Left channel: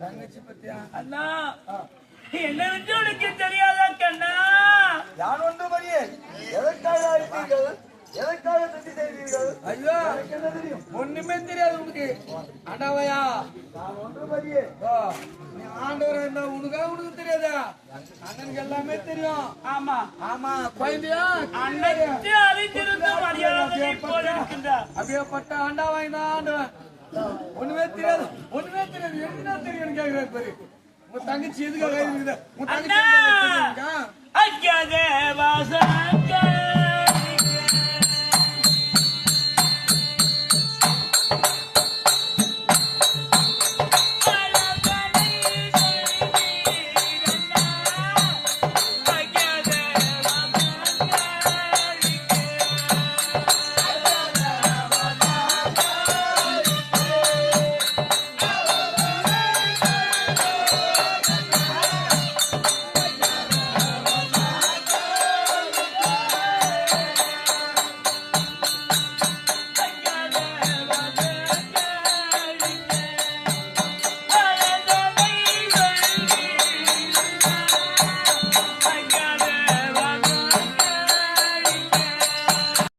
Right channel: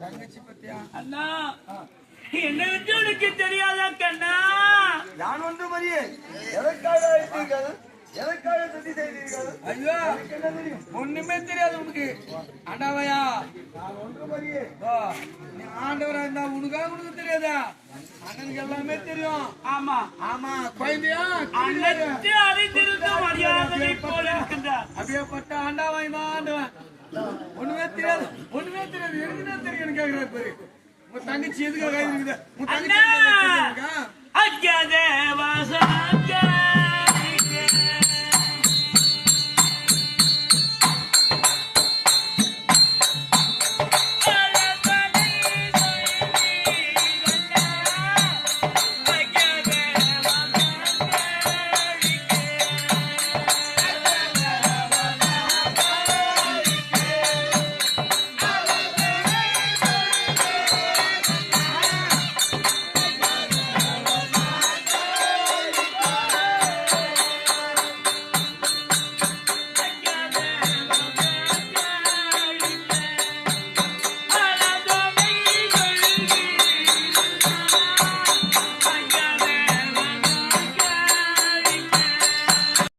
தங்கச்சி பத்தியா அண்ணா என்ன வச்சு உனக்கு தெரியாதா கண்ணா? நான் ஒன்று மரியே எதற்காக அழைத்தீர்கள்? எதற்காக சுத்தி செய்தீர்கள்? ஐயோ ஒண்ணுமே தெரியாது உனக்கு ஆண்டாவையா? நான் ஒன்று மரியே நீ ஆண்டவரா இருந்தா உனக்கு தெரியாதா? அண்ணனுக்கு எல்லாமே தெரியும். ஆமா ஆமா குழந்தையா அன்னைக்கு அறிந்திருந்த மரியாதை போல இருக்கின்றார். அப்படியே பட்ட ஆண்டாவாய் தான் ஆண்டவன். ஒண்ணுமே தெரியாது எதுனா தெரியும் கேட்கிறார் பாரு. உன் தங்கச்சி எதுக்காக இருக்குது? உன் தங்கச்சி அஜ்ஜதே வாசன்